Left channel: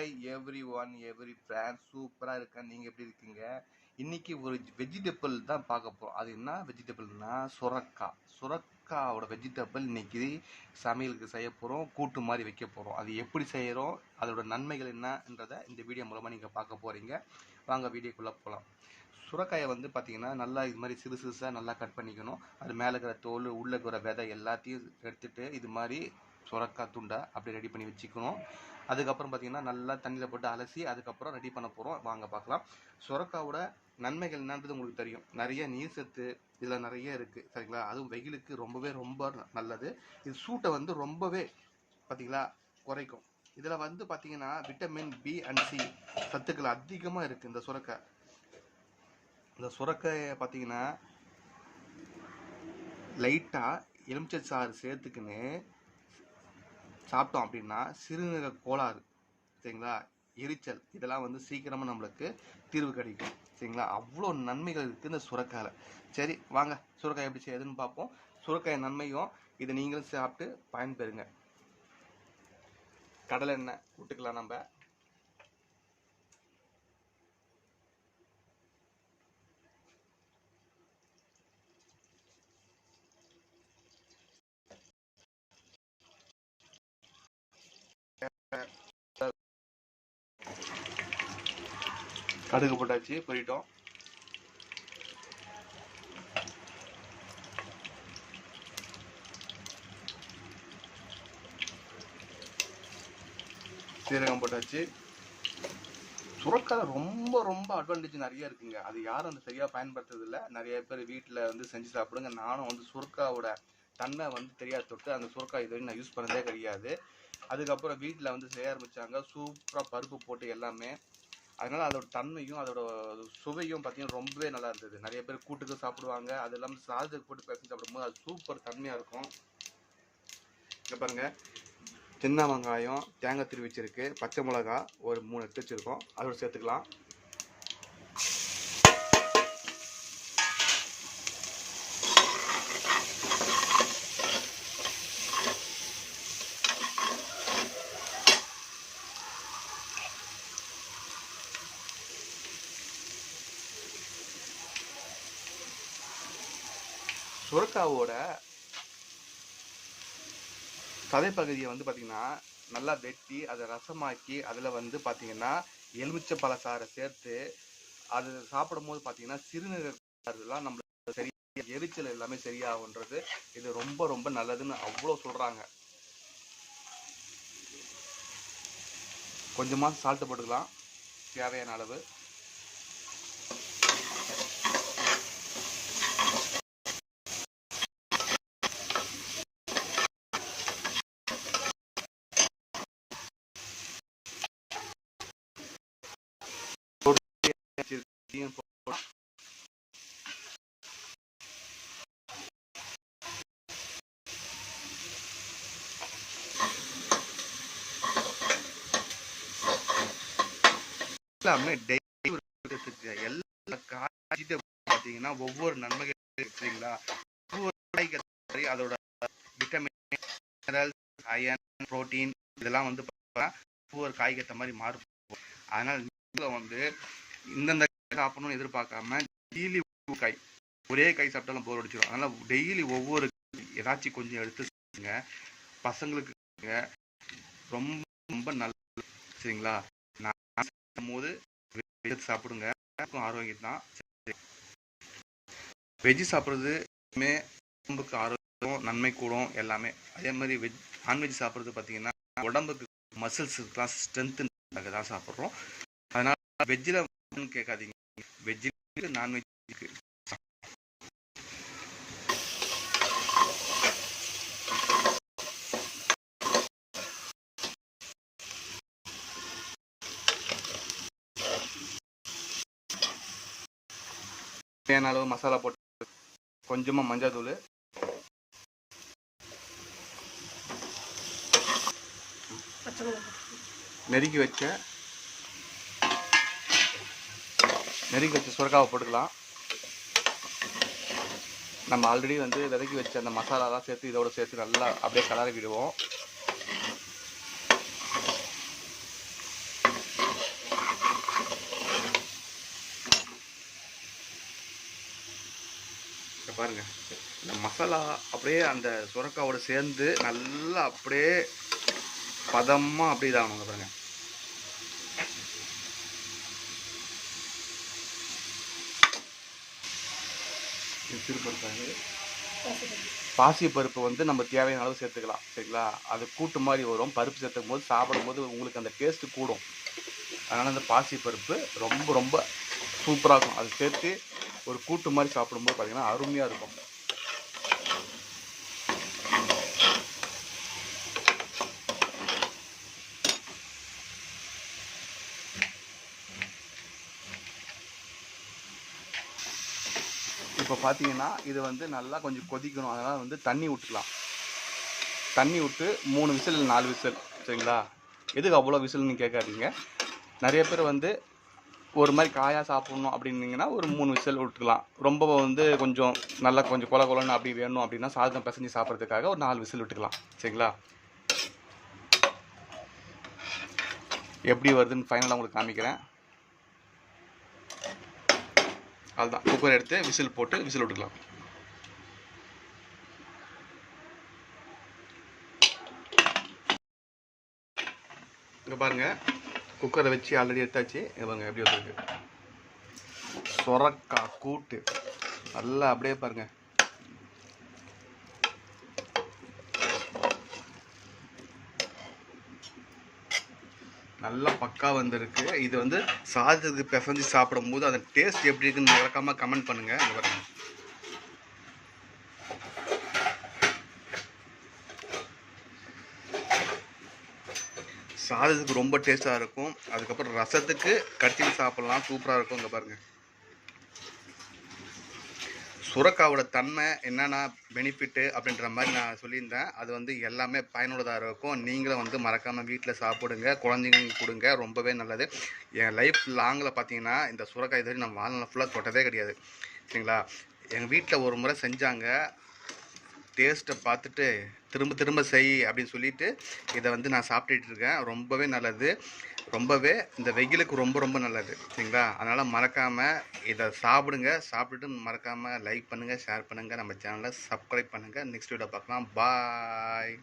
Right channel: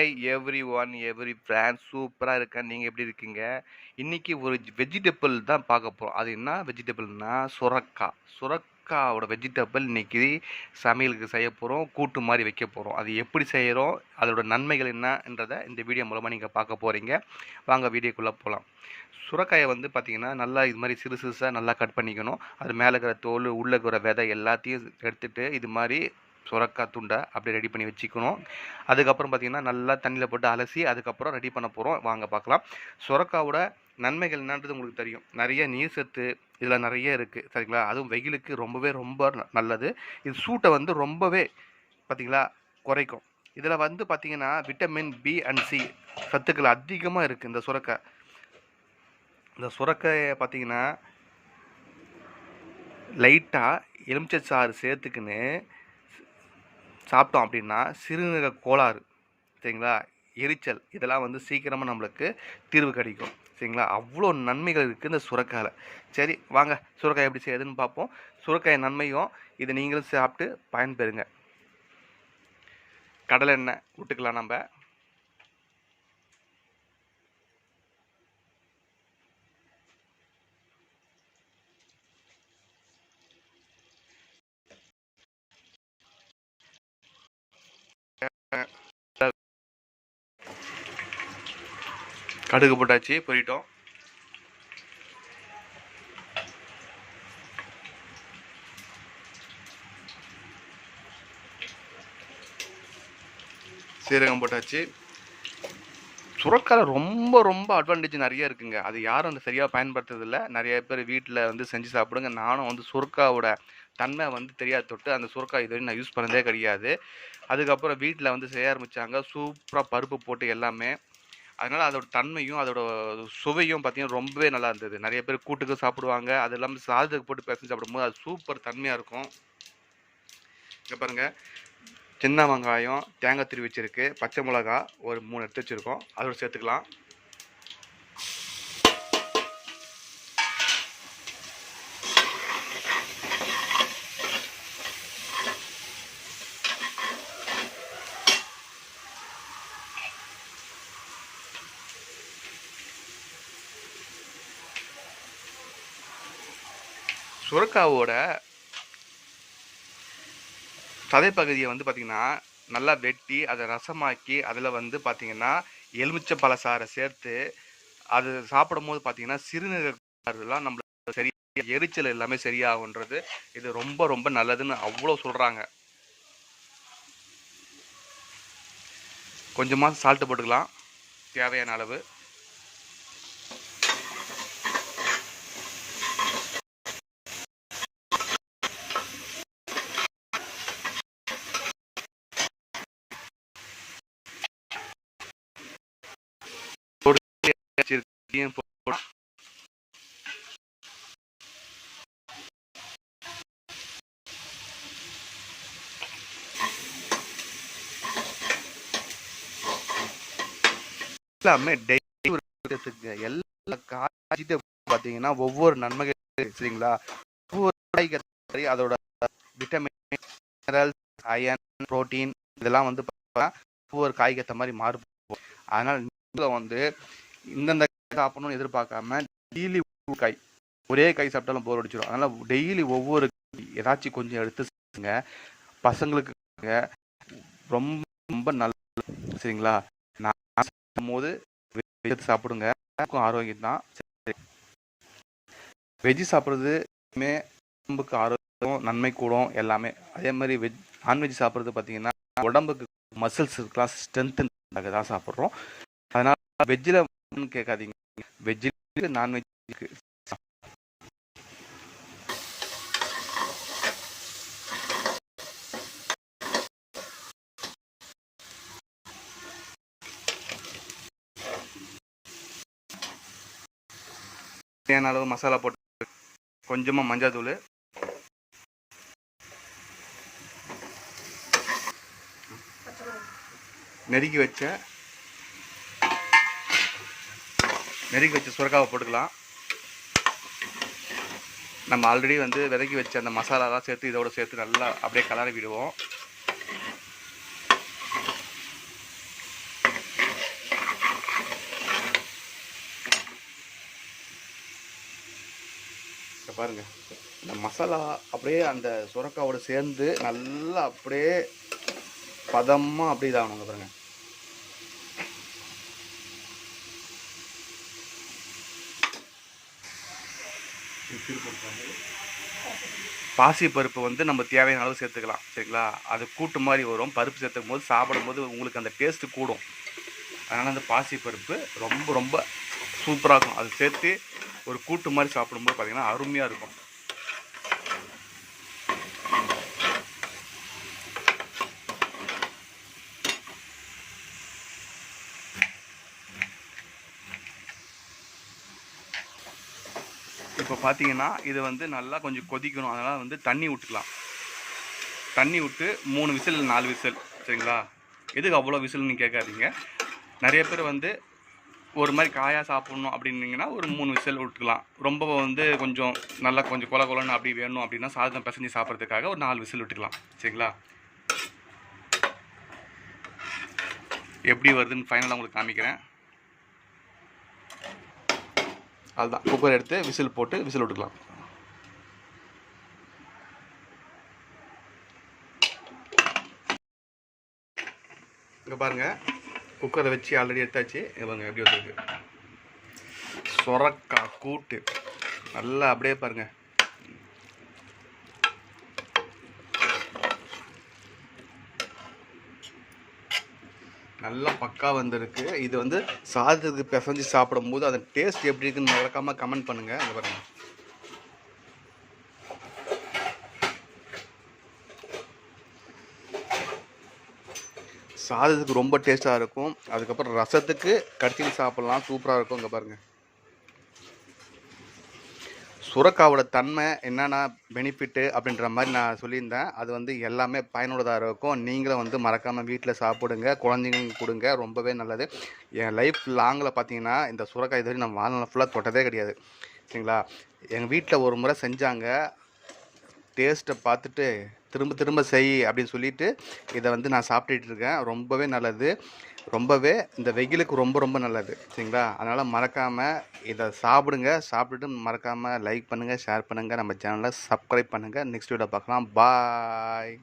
Hi everyone every friend சூப்பராக இருக்கேன். நீங்கள் எப்படி இருக்கீங்க? இன்றைக்கி ஒரு வெஜிடபிள் தான் பார்க்க போகிறோம் அது என்ன வெஜிடபிள்னா சுரக்காய் சுரக்காவோட வெஜிடபிள் இன்றைக்கி சமையலுக்கு செய்ய போகிறோம் கூட்டு மாதிரி வைக்க போகிறோம் அது எப்படி செய்கிறோம் அதோட நன்மைகள் என்னன்றதை இந்த வீடியோ மூலமாக நீங்கள் பார்க்க போகிறீங்க வாங்க வீடியோக்குள்ளே போகலாம் சுரக்காயை வந்து பார்த்திங்கன்னா நல்லா இது மாதிரி சிறு சிறுசாக நல்லா கட் பண்ணிக்கணும். அது மேலே இருக்கிற தோல் உள்ளே இருக்கிற விதை எல்லாத்தையும் எடுத்துகிட்டு இது மாதிரி சுரக்காய் துண்டை அப்படியே ரெடி பண்ணி வச்சுக்கணும். அதுக்கப்புறம் பார்த்தீங்கன்னா நல்லா தண்ணியில் போட்டு அலசி அதுக்கப்புறம் ரெடி பண்ண போகிறோம் வாங்க பார்க்கலாம் சுரக்காவோட நன்மைகள் என்னன்றது உங்களுக்கு தெரியும். நிறைய நீர் சத்து இதில் நிறைய இருக்குது சரிங்களா? அதுவும் வெயிலுக்கு ரொம்பவே ரொம்ப ந- நல்லது. இது சூட்டை வந்து ரொம்பவே பார்த்திங்களா குறைக்கும். இதில் வந்து பார்த்திங்கன்னா விட்டமின் பி அண்ட் சி சத்துக்கள் அதிகமாக இருக்குது இந்த சுரக்காய் இந்த சுரக்காயை பார்த்திங்கன்னா லைட்டாக எலுமிச்சை சாறு சேர்த்துக்கின்னு சாப்பிட்டோம் அப்படின்னா சிறுநீரக கோளாறு சரிங்களா? எரிச்சல் இதெல்லாம் வந்து சீக்கிரமாக நம்மளுக்கு தீர்வு கிடைக்கும் சரிங்களா? அவ்வளோ நன்மைகள் இருக்குது இந்த சுரக்காயில் சரி வாங்க சுரக்காய் எப்படி செய்யுதுன்னு பார்ப்போம். சுரக்காய் நன்மையும் இதை நீங்களும் சாப்பிட்டு பயன்பெறுங்க. கடலெண்ணெய் விட்டுக்கலாம் நம்ம. கடுகு போட்டாச்சு பொரிட்டோம். சீரகம் போட்டாச்சு. சுரக்கால ரொம்ப ரொம்ப அட்வான்டேஜ் நிறைய இருக்குங்க. அது யாரும் வந்து சரியாக பயன்படுத்துறதில்ல. நிறைய பேர் வீட்டில் வந்து செஞ்சு சாப்பிடுங்க. நானும் வந்து சுரக்காவோட தன்மை வந்து தெரியாத தொட்டு அந்த சுரக்காய் இது வரையும் நான் யூஸ் பண்ணதே கிடையாது. அதுக்கப்புறம் வீட்டில் வந்து செய்ய ஆரம்பித்தாங்க சூப்பராக பருப்பு போட்டு எல்லாமே. அதனால் அதோட தன்மையும் அதோட சுவையும் பார்த்தீங்கன்னா ரொம்பவே நல்லா இருந்தது. நிறைய பேர் கூட்டுக்கு சாப்பிடுவாங்க. அது இல்லாமல் சாதத்துக்கு போட்டு பேசி சாப்பிடும்போது அது சூப்பர் தன்மையாக இருக்கும். இங்கே பாருங்கள் சின்ன வெங்காயம் தேங்காய் திருவிச்சிருக்கு பச்சை மிளகா ஒரு மூணு எடுத்து வச்சுருக்கோம். அதோட சேர்த்துக்கலாம். சுரக்காவோட சதைப்பகுதியை வந்து பார்த்திங்கன்னா நல்லா வெட்டி அதை ரசமாக்கி அதில் வந்து பார்த்திங்கன்னா எலுமிச்சை பழசாறை சேர்த்து அது சாப்பிடும்போது பார்த்திங்கன்னா சிறுநீரகெல்லாம் நம்மளுக்கு சரி எரிச்சல் எல்லாமே சரியாகுன்றது இது ரொம்ப ரொம்ப நல்லதுன்னு அவ்வளோ சொல்கிறாங்க கொஞ்சமாக சால்ட்டு போட்டுக்கலாம். தேவையான அளவு இதையும் போட்டு எல்லாமே டெய்லி எல்லா காய்கிட்ட பார்த்தீங்கன்னா ஒவ்வொரு நன்மைகள் சரிங்களா? ஒவ்வொரு அதோட விட்டமின் மினரல்ஸ் அயன் புரோட்டீன் இதெல்லாம் வந்து பார்த்தீங்கன்னா ஒவ்வொரு காய்க்கு மாதிரி மாறுபடும். அதனால நீங்களும் வந்து இந்தந்த சாப்பிடணும்னு எதிர்பார்க்காம டெய்லி காய் ஒரே காய் சாப்பிட்டாலும் போர் அடிச்சிடும் அதனால டெய்லி ஒவ்வொரு காய் ஏதாச்சும் கொஞ்சம் எடுத்து சாப்பிடுங்க. பசங்களுக்கு ரொம்ப ரொம்ப நல்லது. சரிங்களா? போது வெஜ் சாப்பிடுங்க. ஆரோக்கியம் தான் வெஜ்ஜு சாப்பிட்றது உடம்புக்கு ஆரோக்கியம் நன்மை கூடும் எல்லாமே. அதே மாதிரி வெஜ் நான்வெஜ் சாப்பிட்றது பார்த்தீங்கன்னா உடம்புக்கு மசில்ஸ் இருக்கலாம் ஸ்ட்ரென்த் தான் சாப்பிட்றோம். அதனால் வெஜ்ஜில் கேட்காதீங்க. வெஜ்ஜு நான்வெஜ் தேவையான அளவு மசாலா போட்டு கொஞ்சமாக மஞ்சள் தூள். நெருக்கி வச்ச நெருக்கி வச்ச சுரக்காவை போட்டுக்கலாம். நம்ம ஆல்ரெடி வந்து விதக்கி வச்ச அந்த மசாலாலாம் சேர்த்து இதோட சேர்த்து நல்லா அப்படியே கலரி விடுவோம். பாருங்கள் இந்த மசாலா அப்படியே அந்த சுரக்காவோடு சேர்ந்து நல்லா அப்படியே பதமாக அப்படியே இதாகணுங்க பாருங்கள் பாசி பருப்பு வந்து நம்ம தேவையான அளவு சேர்த்துக்கலாம். சரிங்களா? அது கூட்டு மாதிரி வரும். பருப்பு சேர்த்துக்கும் போது சாப்பிடும் போது உங்களுக்கு அந்த டேஸ்ட்டு கூடும். அதனால் அந்த பாசி பருப்பு ரொம்ப ரொம்ப சூப்பராக இருக்கும். அது சேர்த்து ஒரு கூட்டு மாதிரி சாப்பிடும்போது பார்த்திங்கன்னா அருமையாக இருக்கும். இப்போ பார்த்தீங்கன்னா இது வந்து நல்லா கொஞ்சம் கொதிக்கணும். அதனால் வந்து தண்ணி விட்டுக்கலாம் தண்ணி விட்டு மூணு விசில் நாலு விசில். சரிங்களா? எதுக்கு அவ்வளோ விசில்னு கேட்காதீங்க நிறைய பேர் வந்து ஒரு மாதிரி காயாக சாப்பிட்ணும் அப்படின்னீங்கன்னா ஒரு மூணு விசில் விட்டுக்கலாம். ரொம்ப வந்து கொஞ்சம் நல்லா கொஞ்சம் கொல கொலன்னு அப்படி வேணும் அப்படின்னா சாதம் பிசைஞ்சு சாப்பிட்றதுக்காக ஒரு நாலு விசில் விட்டுக்கலாம். சரிங்களா? எப்படி வருதுன்னு ஃபைனலாக உங்களுக்கு காமிக்கிறேன். அதுதான் குக்கர் எடுத்து விசில் போட்டு விசில் விட்டுக்கலாம். இங்கே பாருங்கள் குக்கரை வச்சு ஆல்ரெடி எடுத்தாச்சு. இவங்க எப்படி வந்துருக்கு. சொரக்கா கூட்டு. நல்லா அப்படியே பாருங்க. நல்லா பக்கா வந்திருக்கு. இது வந்து சாதத்துக்கு பிசைஞ்சு சாப்பிடும்போது அந்த டேஸ்ட் எப்படி இருக்குன்னு மறக்காமல் கமெண்ட் பண்ணுங்கள் இந்த பாருங்கள் சாதத்துக்கு ரொம்ப டேஸ்ட்டாக இருக்கும். அதுக்கப்புறம் ரசத்துக்கு கடிச்சிட்டு சாப்பிட்லாம். சூப்பராக இருக்கும் இங்கே பாருங்கள் சுரக்காவோட தன்மை என்னென்ன பெனிஃபிட்டு அப்படின்ற மாதிரி நான் சொல்லியிருந்தேன். அது வந்து எல்லாமே பயனுள்ளதாக இருக்கும். நீங்களும் வந்து மறக்காமல் வீட்டில் சாப்பிடுங்க. குழந்தைங்களுக்கு கொடுங்க. ரொம்பவே நல்லது. என் லைஃப் லாங்கில் பார்த்தீங்கன்னா இந்த சுரக்காய் இது வரைக்கும் நான் வாழ்நாள் ஃபுல்லாக தொட்டதே கிடையாது. சரிங்களா? எங்கள் வீட்டில் ஒரு முறை செஞ்சாங்க. டேஸ்ட்டை பார்த்துட்டு திரும்ப திரும்ப செய் அப்படின்னு சொல்லிட்டு இதை வந்து நான் சாப்பிட்டுட்டு இருக்கேன். ரொம்பவே நல்லது. ரொம்பவே இந்த வெயிலுக்கு ரொம்ப ரொம்ப நல்லது. சரிங்களா? அதனால் மறக்காமல் இதை சாப்பிடுங்க. சாப்பிட்டுட்டு மறக்காமல் லைக் பண்ணுங்கள் ஷேர் பண்ணுங்கள் நம்ம சேனலை சப்ஸ்கிரைப் பண்ணுங்கள் நெக்ஸ்ட் வீடியோ பார்க்கலாம். பாய்